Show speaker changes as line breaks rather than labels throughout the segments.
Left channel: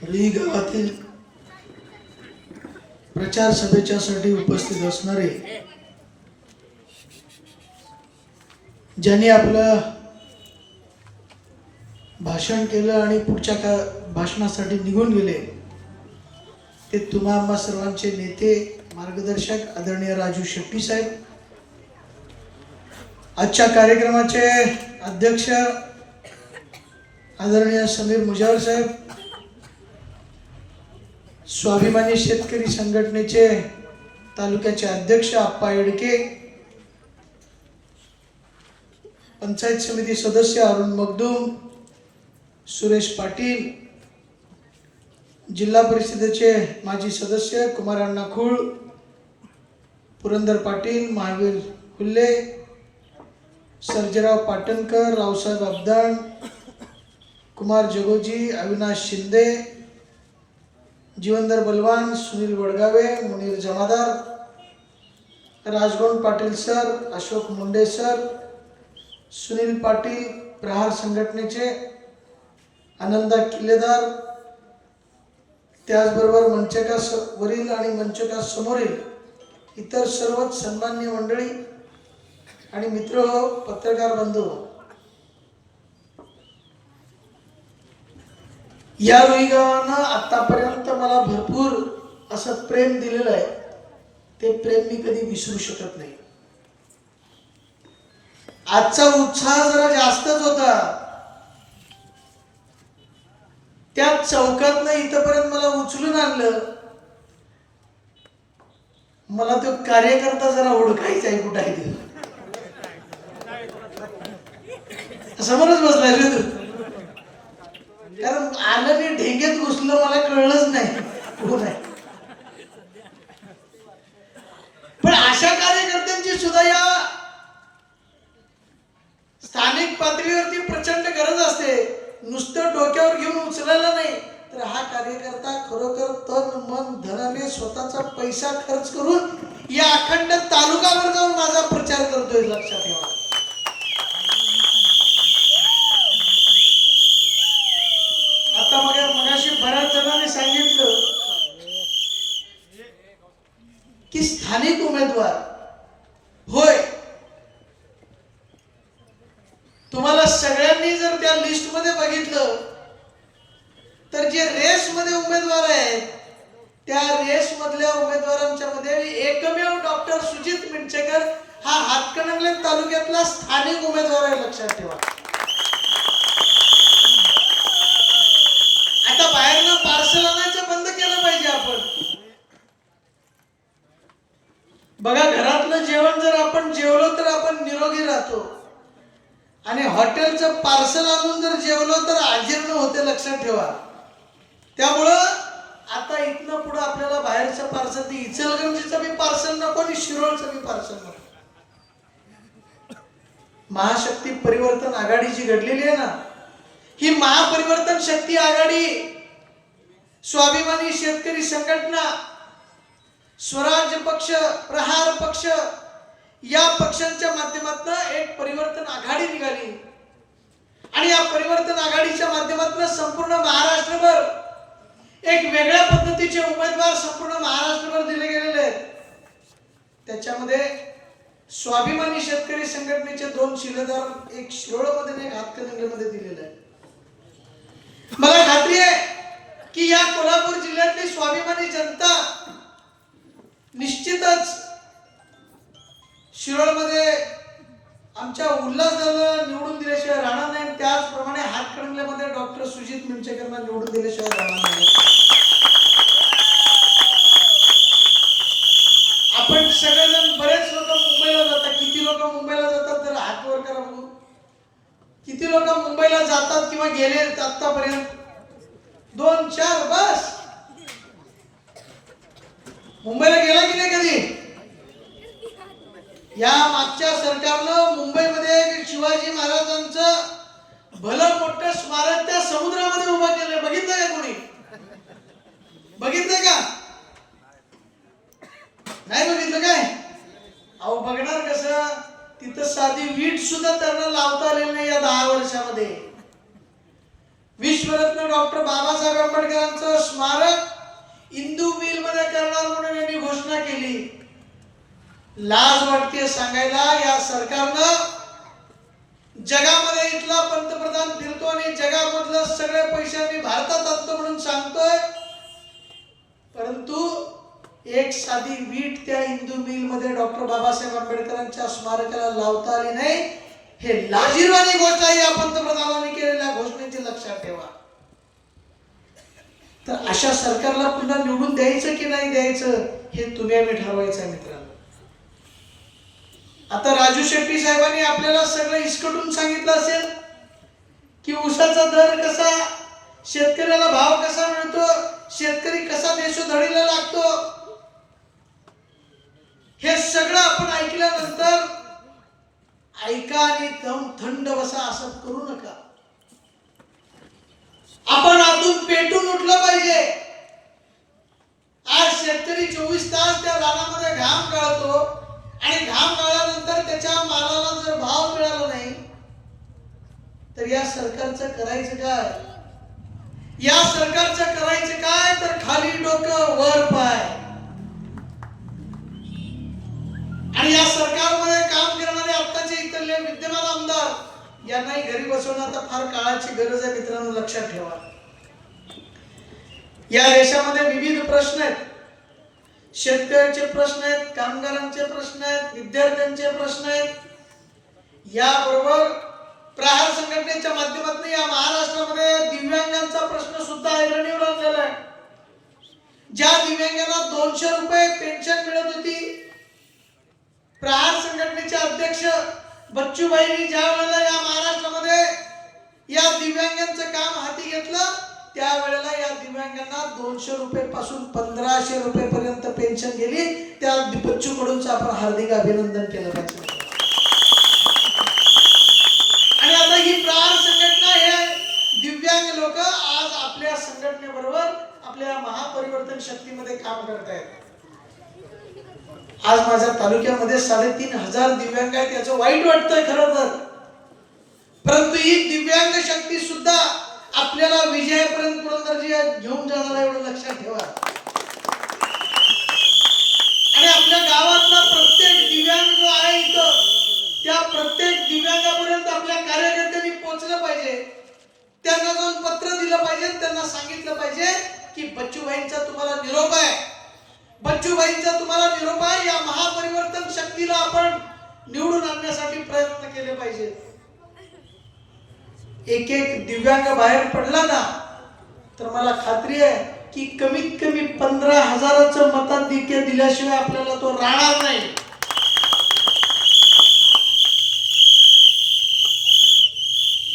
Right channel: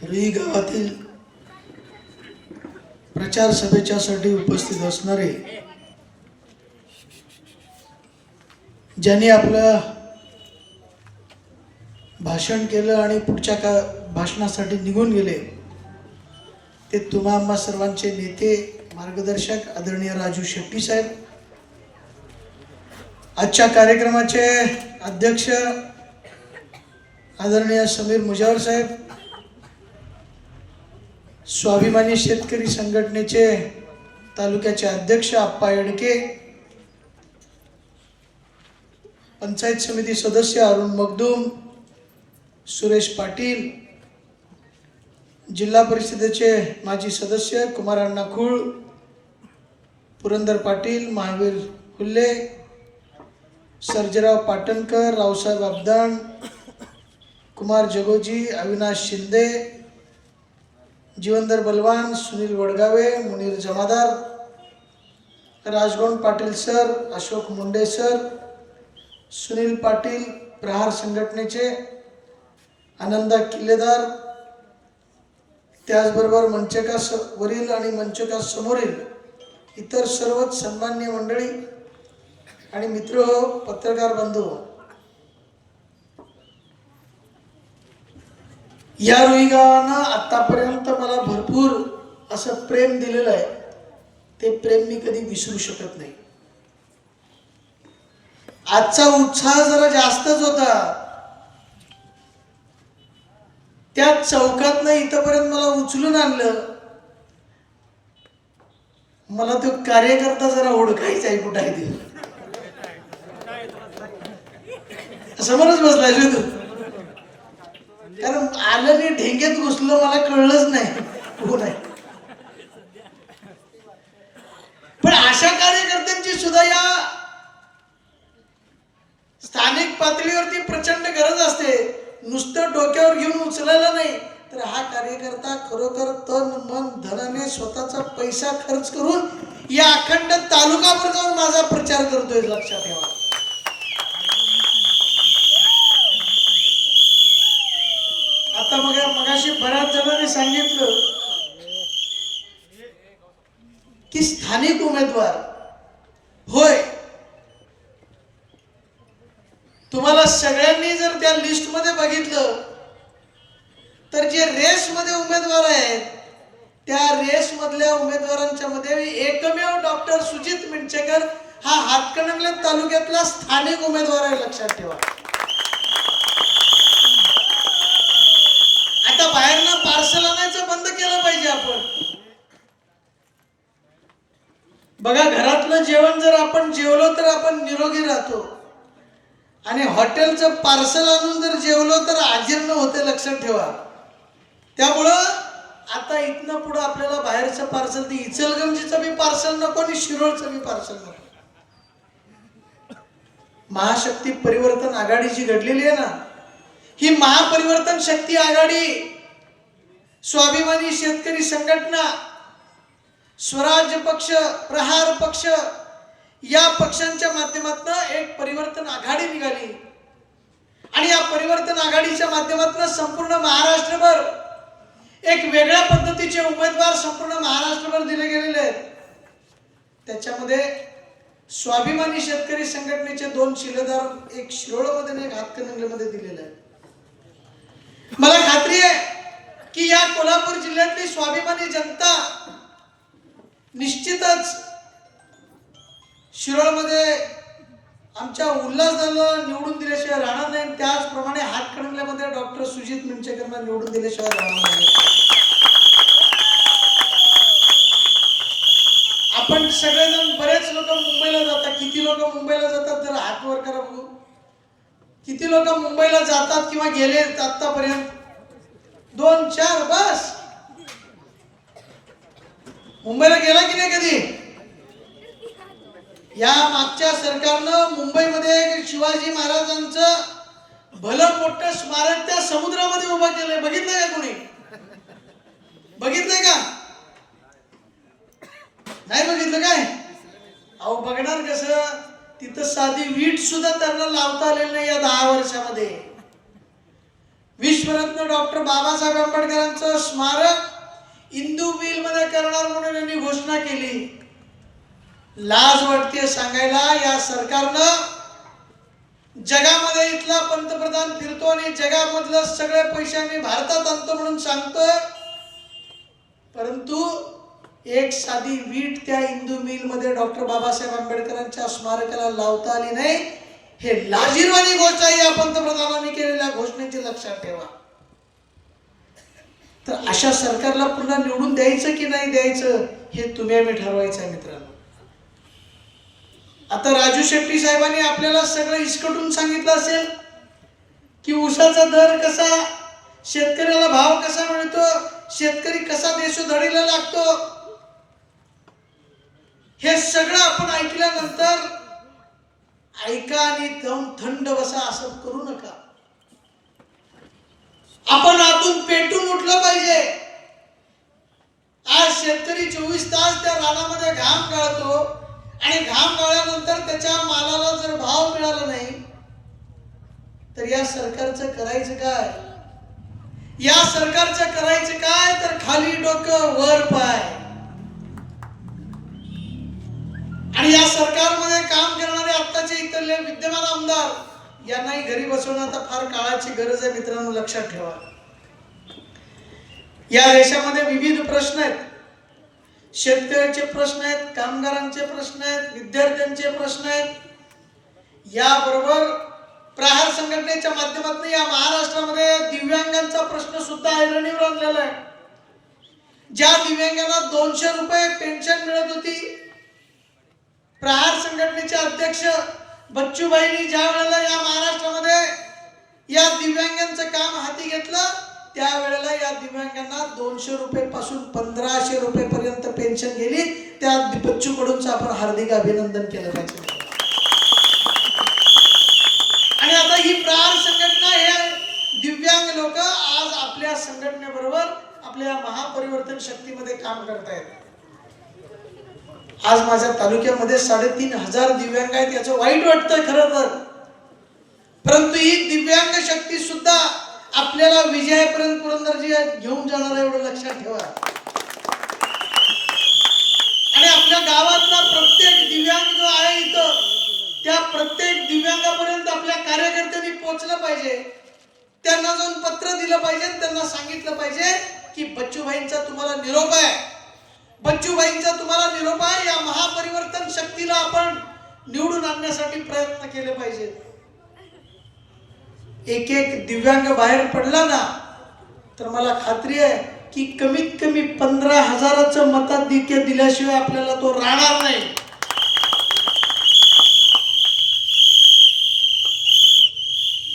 रुई गावातील प्रचार सभेच्यासाठी उपस्थित असणारे ज्यांनी आपलं भाषण केलं आणि पुढच्या का भाषणासाठी निघून गेले ते तुम्हा सर्वांचे नेते मार्गदर्शक आदरणीय राजू शेट्टी साहेब आजच्या कार्यक्रमाचे अध्यक्ष आदरणीय समीर मुजावर साहेब स्वाभिमानी शेतकरी संघटनेचे तालुक्याचे अध्यक्ष आप्पा येडके पंचायत समिती सदस्य अरुण मगदूम सुरेश पाटील जिल्हा परिषदेचे माजी सदस्य कुमार अण्णा खूळ पुरंदर पाटील महावीर फुल्ले सर्जराव पाटणकर रावसाहेब अबदाण कुमार जगोजी अविनाश शिंदे जीवनधर बलवान सुनील वडगावे मुनीर जमादार राजगोंड पाटील सर अशोक मुंडे सर सुनील पाटील प्रहार संघटनेचे आनंदा किल्लेदार त्याचबरोबर मंचका स वरील आणि मंचका समोरील इतर सर्वच सन्मान्य मंडळी आणि मित्र हो पत्रकार बंधू हो. या रुईगावानं आत्तापर्यंत आतापर्यंत मला भरपूर असं प्रेम दिलेलं आहे. ते प्रेम मी कधी विसरू शकत नाही. आजचा उत्साह जरा जास्तच होता. त्या चौकातनं इथंपर्यंत मला उचलून आणलं. मला तो कार्यकर्ता जरा ओळखायचा आहे कुठं आहे ते. समोरच बसलाय तू. कारण आलं मी ढेक्यात घुसलं मला कळलंच नाही. हो कोण आहे पण अशा कार्यकर्त्यांची सुद्धा या स्थानिक पातळीवरती प्रचंड गरज असते. नुसतं डोक्यावर घेऊन उचलायला नाही. तर हा कार्यकर्ता खरोखर तन मन धनाने स्वतःचा पैसा खर्च करून या अखंड तालुकावर जाऊन माझा प्रचार करतोय लक्षात ठेवा आता मग मगाशी बऱ्याच जणांनी सांगितलं की स्थानिक उमेदवार होय. तुम्हाला सगळ्यांनी जर त्या लिस्टमध्ये बघितलं तर जे रेस मध्ये उमेदवार आहेत त्या रेस मधल्या उमेदवारांच्या मध्ये एकमेव डॉक्टर सुजित मिंचेकर हा हातकणंगले तालुक्यातला स्थानिक उमेदवार आहे लक्षात ठेवा आता बाहेरनं पार्सल आणायचं बंद केलं पाहिजे आपण. बघा घरातलं जेवण जर आपण जेवलो तर आपण निरोगी राहतो. आणि हॉटेलचं पार्सल आणून जर जेवलो तर आजीर्ण होते लक्षात ठेवा. त्यामुळं आता इथनं पुढं आपल्याला बाहेरचं पार्सल ते इचलगंजीचं बी पार्सल नको आणि शिरोळचं बी पार्सल नको. महाशक्ती परिवर्तन आघाडी जी घडलेली आहे ना. ही महापरिवर्तन शक्ती आघाडी स्वाभिमानी शेतकरी संघटना स्वराज्य पक्ष प्रहार पक्ष या पक्षांच्या माध्यमातून एक परिवर्तन आघाडी निघाली. आणि या परिवर्तन आघाडीच्या माध्यमातून संपूर्ण महाराष्ट्रभर एक वेगळ्या पद्धतीचे उमेदवार संपूर्ण महाराष्ट्रभर दिले गेलेले आहेत. त्याच्यामध्ये स्वाभिमानी शेतकरी संघटनेचे दोन शिलेदार एक शिरोळमध्ये आणि एक हातकणंगलेमध्ये दिलेले आहे मला खात्री आहे की या कोल्हापूर जिल्ह्यातली स्वाभिमानी जनता निश्चितच शिरोळमध्ये आमच्या उल्हासदाला निवडून दिल्याशिवाय राहणार नाही. त्याचप्रमाणे हातकणंगल्यामध्ये डॉक्टर सुजित मिंचेकरांना निवडून दिल्याशिवाय राहणार नाही. आपण सगळेजण बरेच लोक मुंबईला जातात. किती लोक मुंबईला जातात तर हातवर करा किती लोक मुंबईला जातात किंवा गेले आतापर्यंत? दोन चार बस. मुंबईला गेला की नाही कधी? या मागच्या सरकारनं मुंबईमध्ये शिवाजी महाराजांचं भलं मोठं स्मारक त्या समुद्रामध्ये उभं केलंय. बघितलंय का कोणी? बघितलंय का? नाही बघितलं काय? अहो बघणार कसं? तिथं साधी वीट सुद्धा त्यांना लावता आलेली नाही या दहा वर्षामध्ये. विश्वरत्न डॉक्टर बाबासाहेब आंबेडकरांचं स्मारक इंदू मिलमध्ये करणार म्हणून यांनी घोषणा केली. लाज वाटते सांगायला या सरकारनं जगामध्ये इथला पंतप्रधान फिरतो आणि जगामधलं सगळे पैसे आम्ही भारतात आणतो म्हणून सांगतोय. परंतु एक साधी वीट त्या इंदू मिलमध्ये डॉक्टर बाबासाहेब आंबेडकरांच्या स्मारकाला लावता आली नाही. हे लाजीरवाणी गोष्ट आहे या पंतप्रधानांनी केलेल्या घोषणेची लक्षात ठेवा. तर अशा सरकारला पुन्हा निवडून द्यायचं की नाही द्यायचं हे तुम्ही आम्ही ठरवायचं आहे मित्रांनो. आता राजू शेट्टी साहेबांनी आपल्याला सगळं इसकटून सांगितलं असेल की ऊसाचा दर कसा शेतकऱ्याला भाव कसा मिळतो शेतकरी कसा देशोधडीला लागतो हे सगळं आपण ऐकल्यानंतर ऐका आणि दम थंड बसा असं करू नका. आपण आतून पेटून उठलं पाहिजे. आज शेतकरी चोवीस तास त्या रानामध्ये घाम गाळतो आणि घाम गाळल्यानंतर त्याच्या मालाला जर भाव मिळाला नाही तर या सरकारचं करायचं काय? या सरकारचं करायचं काय? तर खाली डोकं वर पाय. आणि या सरकारमध्ये यांनाही घरी बसवणं आता फार काळाची गरज आहे मित्रांनो लक्षात ठेवा. या देशामध्ये विविध प्रश्न आहेत. शेतकऱ्याचे प्रश्न आहेत कामगारांचे प्रश्न आहेत विद्यार्थ्यांचे प्रश्न आहेत. याबरोबर प्रहार संघटनेच्या माध्यमातून या महाराष्ट्रामध्ये दिव्यांगांचा प्रश्न सुद्धा ऐरणीवर आणलेला आहे. ज्या दिव्यांगांना दोनशे रुपये पेन्शन मिळत होती प्रहार संघटनेचे अध्यक्ष बच्चूबाईंनी ज्या वेळेला या महाराष्ट्रामध्ये या दिव्यांगांचं काम हाती घेतलं त्यावेळेला या दिव्यांगांना दोनशे रुपये पासून पंधराशे रुपये पर्यंत पेन्शन गेली. त्या बच्चू कडूनच आपण हार्दिक अभिनंदन केलं पाहिजे. आणि आता ही प्रहार संघटना हे दिव्यांग लोक आज आपल्या संघटनेबरोबर आपल्या महापरिवर्तन शक्तीमध्ये काम करत आहेत आज माझ्या तालुक्यामध्ये साडेतीन हजार दिव्यांग आहेत याचं वाईट वाटतंय खरं तर. परंतु ही दिव्यांग शक्ती सुद्धा आपल्याला विजयापर्यंत पुरंदरजी घेऊन जाणार एवढं लक्षात ठेवा. आणि आपल्या गावातला प्रत्येक दिव्यांग जो आहे इथं त्या प्रत्येक दिव्यांगापर्यंत आपल्या कार्यकर्त्यांनी पोहोचलं पाहिजे. त्यांना जाऊन पत्र दिलं पाहिजे त्यांना सांगितलं पाहिजे की बच्चूभाईंचा तुम्हाला निरोप आहे. बच्चूभाईंचा तुम्हाला निरोप आहे या महापरिवर्तन शक्तीला आपण निवडून आणण्यासाठी प्रयत्न केले पाहिजे एक एक दिव्यांग बाहेर पडला ना तर मला खात्री आहे की कमीत कमी पंधरा हजाराचं मताधिक्य दिल्याशिवाय आपल्याला तो राहणार नाही.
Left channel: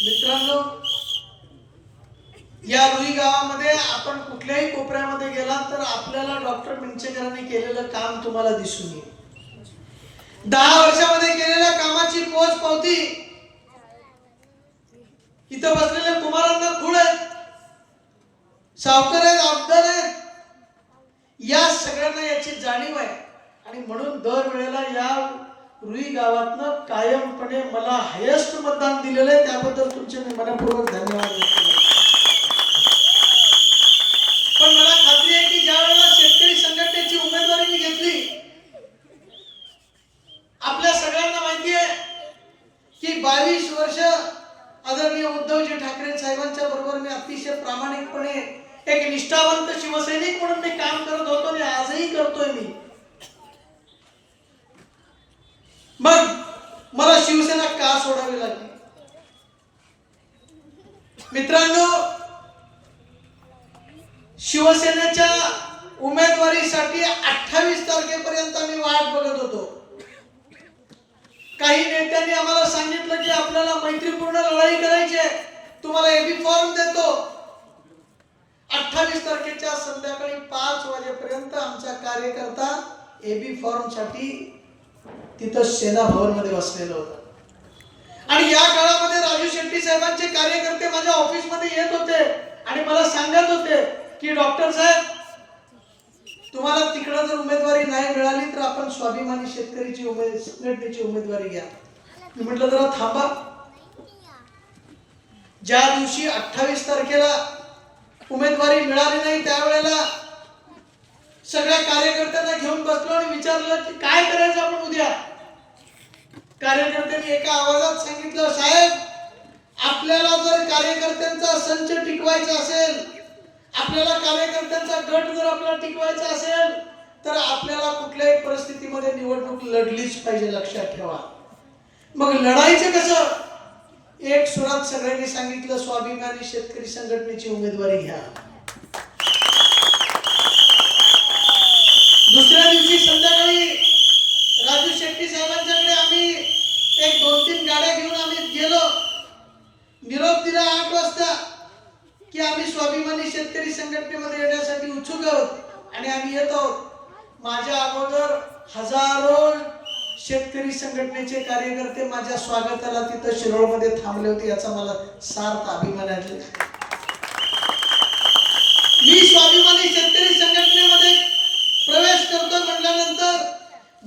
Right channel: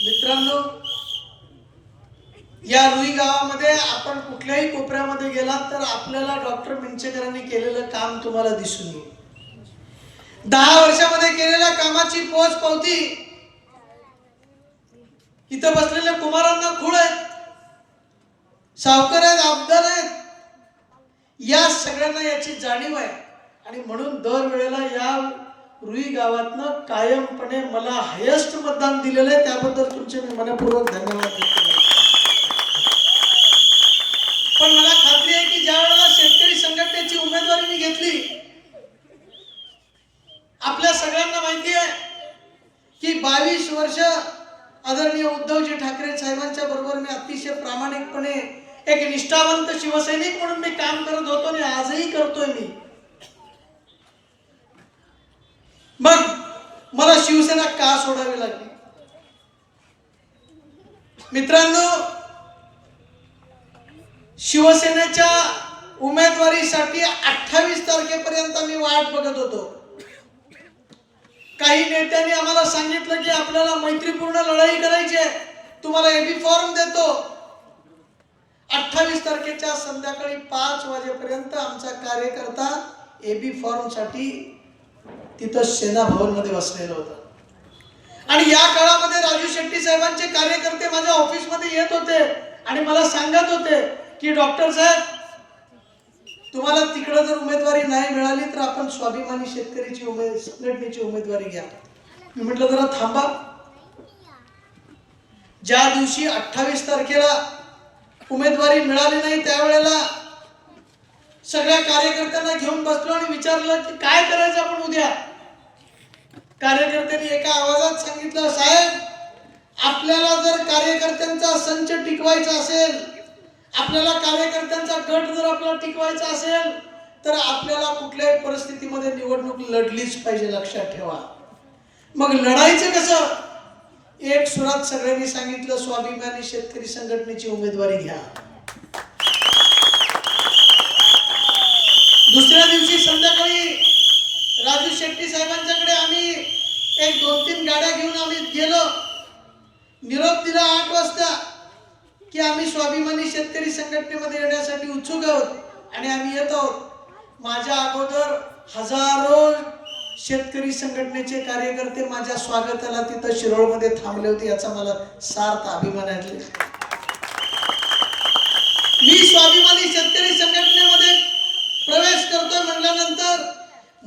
मित्रांनो या रुई गावामध्ये आपण कुठल्याही कोपऱ्यामध्ये गेला तर आपल्याला डॉक्टर पिंचेकरांनी केलेलं काम तुम्हाला दिसून येईल. दहा वर्षामध्ये केलेल्या कामाची पोच पावती. इथं बसलेल्या कुमारांना खूळ आहेत. सावकार आहेत आबदार आहेत. या सगळ्यांना याची जाणीव आहे. आणि म्हणून दर वेळेला या रुई गावातनं कायमपणे मला हायेस्ट मतदान दिलेलं आहे. त्याबद्दल तुमचे मी मनपूर्वक धन्यवाद व्यक्त करतो पण मला खात्री आहे की ज्या वेळेला शेतकरी संघटनेची उमेदवारी मी घेतली आपल्या सगळ्यांना माहिती आहे की बावीस वर्ष आदरणीय उद्धवजी ठाकरे साहेबांच्या बरोबर मी अतिशय प्रामाणिकपणे एक निष्ठावंत शिवसैनिक म्हणून मी काम करत होतो आणि आजही करतोय मी. मग मला शिवसेना का सोडावी लागली? मित्रांनो शिवसेनेच्या उमेदवारीसाठी अठ्ठावीस तारखेपर्यंत मी वाट बघत होतो. काही नेत्यांनी आम्हाला सांगितलं की आपल्याला मैत्रीपूर्ण लढाई करायची आहे. तुम्हाला एबी फॉर्म देतो. अठ्ठावीस तारखेच्या संध्याकाळी पाच वाजेपर्यंत आमचा कार्यकर्ता एबी फॉर्मसाठी तिथं सेना भवनमध्ये बसलेलं होतं. आणि या काळामध्ये राजू शेट्टी साहेबांचे कार्यकर्ते माझ्या ऑफिसमध्ये येत होते आणि मला सांगत होते की डॉक्टर साहेब तुम्हाला तिकडं जर उमेदवारी नाही मिळाली तर आपण स्वाभिमानी शेतकरीची उमेद संघटनेची उमेदवारी घ्या. मी म्हटलं जरा थांबा. ज्या दिवशी अठ्ठावीस तारखेला उमेदवारी मिळाली नाही त्यावेळेला सगळ्या कार्यकर्त्यांना घेऊन बसलो आणि विचारलं की काय करायचं आपण उद्या? कार्यकर्त्यांनी एका आवाजात सांगितलं साहेब आपल्याला जर कार्यकर्त्यांचा संच टिकवायचा असेल आपल्याला कार्यकर्त्यांचा गट जर आपल्याला टिकवायचा असेल तर आपल्याला कुठल्याही परिस्थितीमध्ये निवडणूक लढलीच पाहिजे लक्षात ठेवा. मग लढायचं कसं? एक सुरात सगळ्यांनी सांगितलं स्वाभिमानी शेतकरी संघटनेची उमेदवारी घ्या. दुसऱ्या दिवशी संध्याकाळी राजू शेट्टी साहेबांच्याकडे आम्ही एक दोन तीन गाड्या घेऊन आम्ही गेलो. निरोप दिला आठ वाजता. की आम्ही स्वाभिमानी शेतकरी संघटनेमध्ये येण्यासाठी उत्सुक आहोत आणि आम्ही येत आहोत. माझ्या अगोदर हजारो शेतकरी संघटनेचे कार्यकर्ते माझ्या स्वागताला तिथं शिरोळमध्ये थांबले होते याचा मला सार्थ अभिमान आहे. मी स्वाभिमानी शेतकरी संघटनेमध्ये प्रवेश करतो म्हटल्यानंतर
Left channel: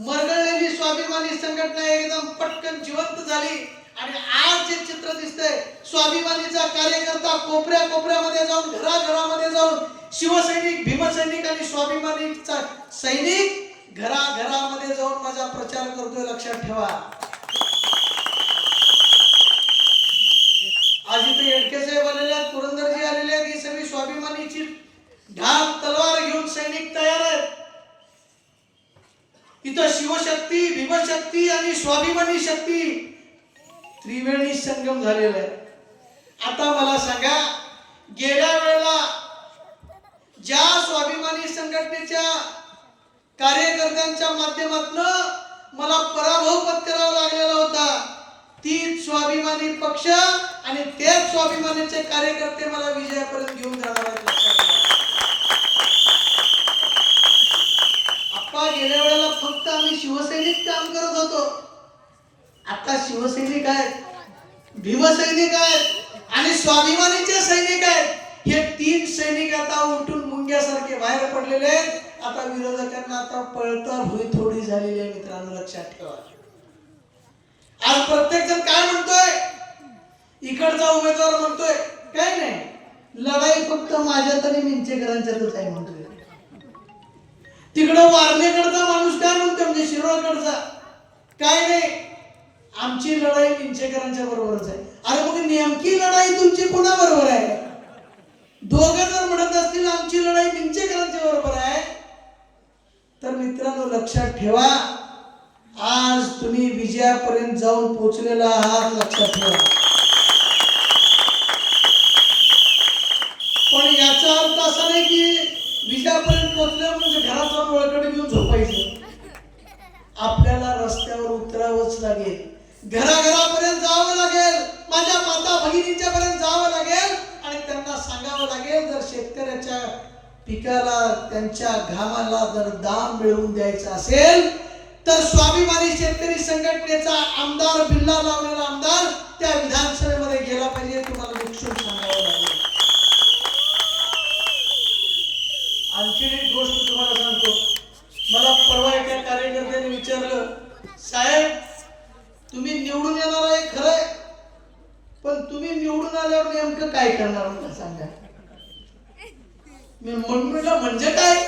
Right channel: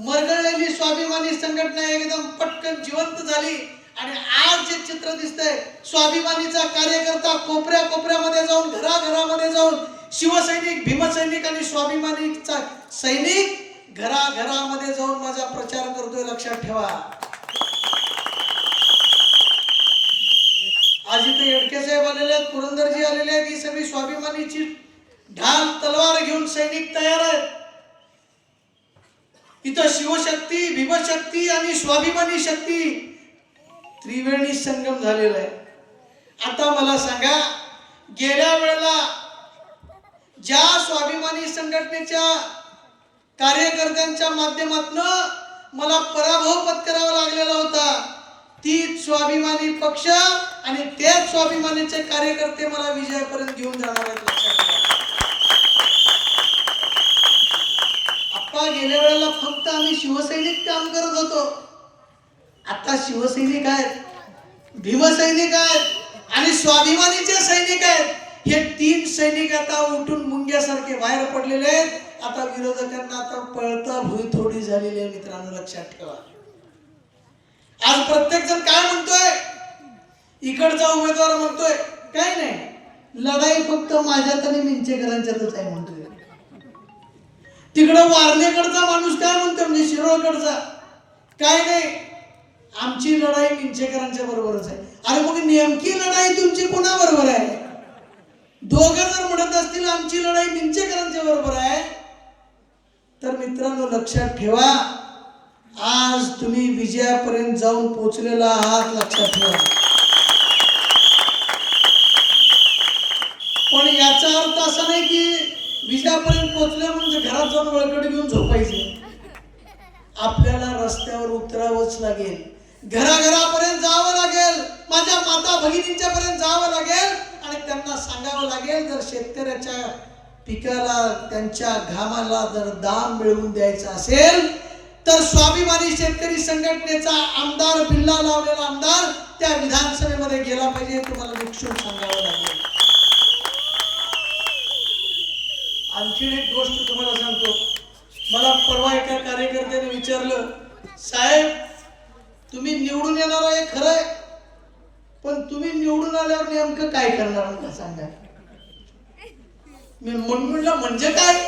मरगळलेली स्वाभिमानी संघटना एकदम पटकन जिवंत झाली आणि आज जे दिसतंय. स्वाभिमानीचा कार्यकर्ता कोपऱ्या कोपऱ्यामध्ये जाऊन घराघरामध्ये जाऊन शिवसैनिक भीमसैनिक आणि स्वाभिमानीचा सैनिक घराघरामध्ये जाऊन माझा प्रचार करतोय लक्षात ठेवा. आज इथे येडके साहेब आलेले आहेत पुरंदरजी आलेले आहेत ही सगळी स्वाभिमानीची ढाल तलवार घेऊन सैनिक तयार आहेत. इथं शिवशक्ती भीमशक्ती आणि स्वाभिमानी शक्ती त्रिवेणी संगम झालेला आहे. आता मला सांगा गेल्या वेळेला ज्या स्वाभिमानी संघटनेच्या कार्यकर्त्यांच्या माध्यमातून मला पराभव पत्करावा लागलेला होता तीच स्वाभिमानी पक्ष आणि तेच स्वाभिमानीचे कार्यकर्ते मला विजयापर्यंत घेऊन जाणार आहेत लक्षात आप्पा गेल्या वेळेला फक्त आम्ही शिवसैनिक काम करत होतो. आता शिवसैनिक आहेत भीमसैनिक आहेत आणि स्वाभिमानीचे सैनिक आहेत. हे तीन सैनिक आता उठून मुंग्यासारखे बाहेर पडलेले आहेत. आता विरोधकांना आता पळता भुई थोडी झालेली आहे मित्रांनो लक्षात ठेवा. आज प्रत्येक जण काय म्हणतोय? इकडचा उमेदवार म्हणतोय काय नाही लढाई फक्त माझ्यात आणि मिंचेकरांच्यातच आहे म्हणतोय. तिकडं वारनेकडचा माणूस काय म्हणतो म्हणजे शिरोळकडचा. काय नाही आमची लढाई निमचेकरांच्या बरोबरच आहे. अरे मग नेमकी लढाई तुमची कोणाबरोबर आहे? दोघं जर म्हणत असतील आमची लढाई निमचेकरांच्या बरोबर आहे तर मित्रांनो लक्षात ठेवा आज तुम्ही विजयापर्यंत जाऊन पोचलेला आहात लक्षात ठेवा. पण याचा अर्थ असा नाही की विजयापर्यंत पोचल्या म्हणजे घरात जाऊन वळकडे घेऊन झोपायचे. आपल्याला रस्त्यावर उतरावंच लागेल. घराघरापर्यंत जावं लागेल. माझ्या माता भगिनींच्या पर्यंत जावं लागेल. आणि त्यांना सांगावं लागेल जर शेतकऱ्याच्या पिकाला त्यांच्या घामाला जर दाम मिळवून द्यायचा असेल तर स्वाभिमानी शेतकरी संघटनेचा आमदार बिल्ला लावलेला आमदार त्या विधानसभेमध्ये गेला पाहिजे. तुम्हाला निक्षून सांगावं लागेल. आणखीन एक गोष्ट तुम्हाला सांगतो. मला परवा एका कार्यकर्त्याने विचारलं साहेब तुम्ही निवडून येणार आहे खरंय. पण तुम्ही निवडून आल्यावर नेमकं काय करणार मला सांगा. मी म्हणलं म्हणजे काय?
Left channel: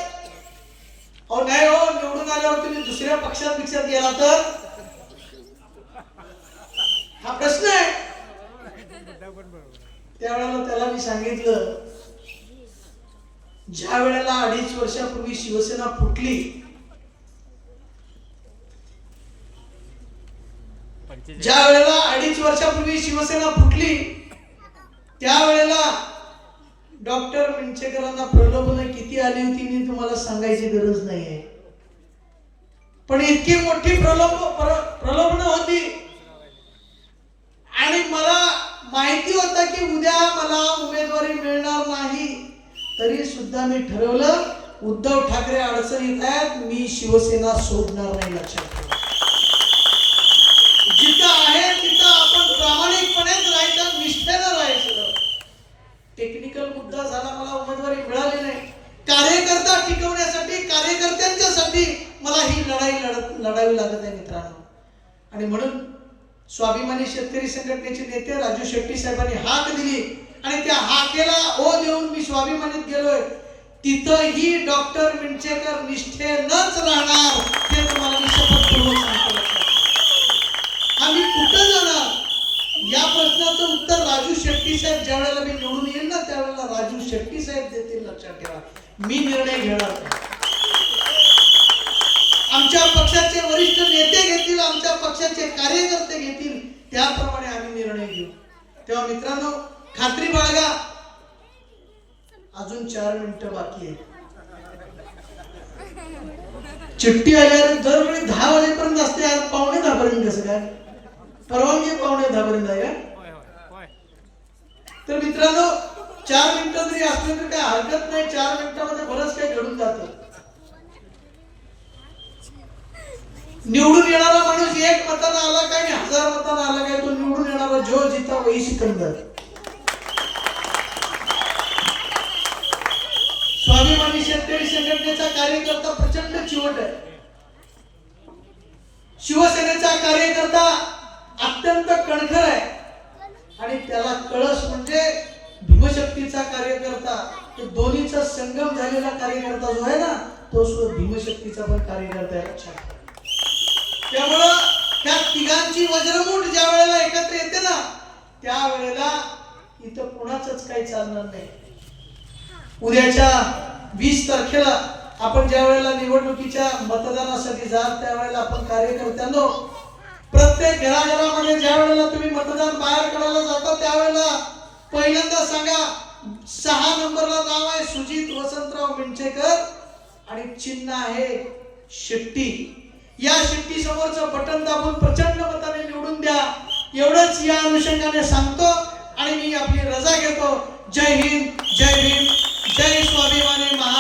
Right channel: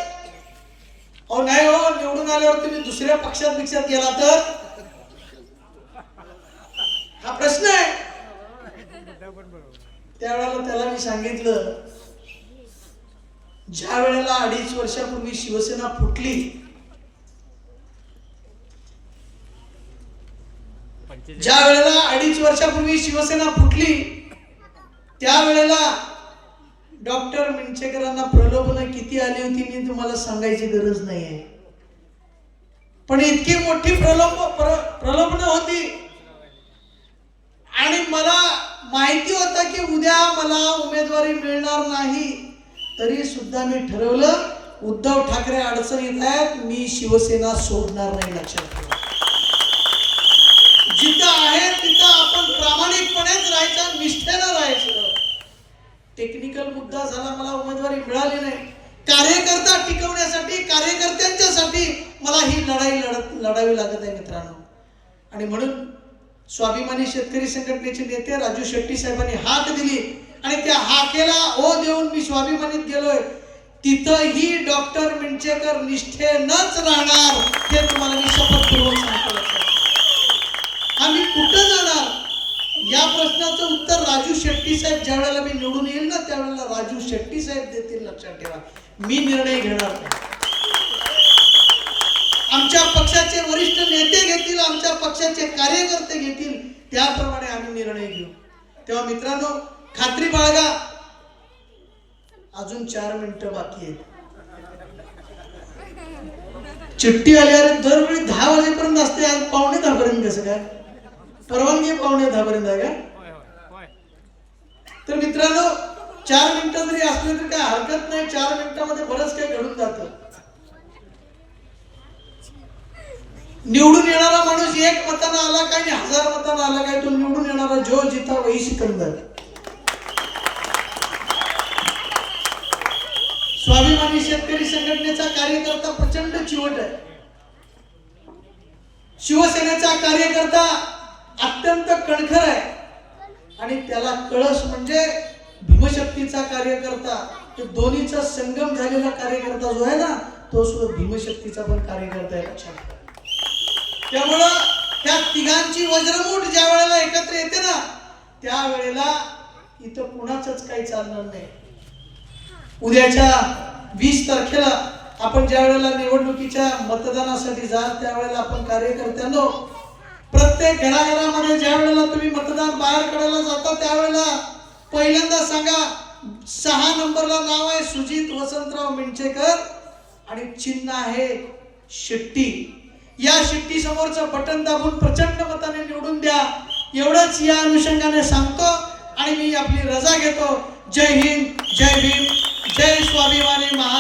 अहो नाही हो निवडून आल्यावर तुम्ही दुसऱ्या पक्षात बिक्षात गेला तर? हा प्रश्न आहे. त्यावेळेला त्याला मी सांगितलं ज्या वेळेला अडीच वर्षापूर्वी शिवसेना फुटली ज्या वेळेला अडीच वर्षापूर्वी शिवसेना फुटली त्यावेळेला डॉक्टर मिंचेकरांना प्रलोभनं किती आली होती मी तुम्हाला सांगायची गरज नाही आहे पण इतकी मोठी प्रलोभ प्रलोभनं होती. आणि मला माहिती होतं की उद्या मला उमेदवारी मिळणार नाही तरी सुद्धा मी ठरवलं उद्धव ठाकरे अडचणीत आहेत मी शिवसेना सोडणार नाही लक्षात ठेवा. जिथं आहे तिथं आपण प्रामाणिकपणेच राहायचं निष्ठेनं राहायचं. टेक्निकल मुद्दा झाला मला उमेदवारी मिळाली नाही. कार्यकर्ता टिकवण्यासाठी कार्यकर्त्यांच्यासाठी मला ही लढाई लढत लढावी लागत आहे मित्रांनो. आणि म्हणून स्वाभिमानी शेतकरी संघटनेचे नेते राजू शेट्टी साहेबांनी हाक दिली. आणि त्या हाकेला ओ देऊन मी स्वाभिमानीत गेलोय. तिथंही डॉक्टर मिंचेकर निष्ठेनच राहणार हे तुम्हाला मी शपथपूर्वक सांगतो लक्षात. आम्ही कुठं जाणार या प्रश्नाचं उत्तर राजू शेट्टी साहेब ज्या वेळेला मी निवडून येईल ना त्यावेळेला राजू शेट्टी साहेब देतील लक्षात ठेवा. मी निर्णय घेणार नाही. आमच्या पक्षाचे वरिष्ठ नेते घेतील आमच्या पक्षाचे कार्यकर्ते घेतील त्याप्रमाणे आम्ही निर्णय घेऊ. तेव्हा मित्रांनो खात्री बाळगा. अजून चार मिनिटं बाकी आहेत. चिठ्ठी आल्यावर दरवेळी दहा वाजेपर्यंत असते आज पावणे दहापर्यंत कसं काय परवानगी आहे पावणे दहा पर्यंत आहे का तर मित्रांनो चार मिनिटं जरी असले तरी काय हरकत नाही चार मिनिटामध्ये बरंच काही घडून जातं. निवडून येणारा माणूस एक मतानं आला काय आणि हजार मतानं आला काय तो निवडून येणारा जो जिता वही सिकंदर स्वाभिमानी शेतकरी संघटनेचा कार्यकर्ता प्रचंड चिवट आहे. शिवसेनेचा कार्यकर्ता अत्यंत कणखर आहे. आणि त्याला कळस म्हणजे भीमशक्तीचा कार्यकर्ता. दोन्हीचा संगम झालेला कार्यकर्ता जो आहे ना तो सुद्धा भीमशक्तीचा पण कार्यकर्ता आहे. लक्षात त्यामुळं त्या तिघांची वज्रमूठ ज्या वेळेला एकत्र येते ना त्यावेळेला इथं कुणाचंच काही चालणार नाही. उद्याच्या वीस तारखेला आपण ज्या वेळेला निवडणुकीच्या मतदानासाठी जात त्यावेळेला आपण कार्यकर्त्यांनो प्रत्येक घराघरामध्ये ज्या वेळेला तुम्ही मतदान बाहेर काढायला जाता त्यावेळेला पहिल्यांदा सांगा सहा नंबरला नाव आहे सुजित वसंतराव मिंचेकर आणि चिन्ह आहे शेट्टी. या शेट्टी समोरचं बटन दाबून प्रचंड मताने निवडून द्या. एवढंच या अनुषंगाने सांगतो आणि मी आपली रजा घेतो. जय हिंद जय भीम जय स्वाभिमानी महाराज.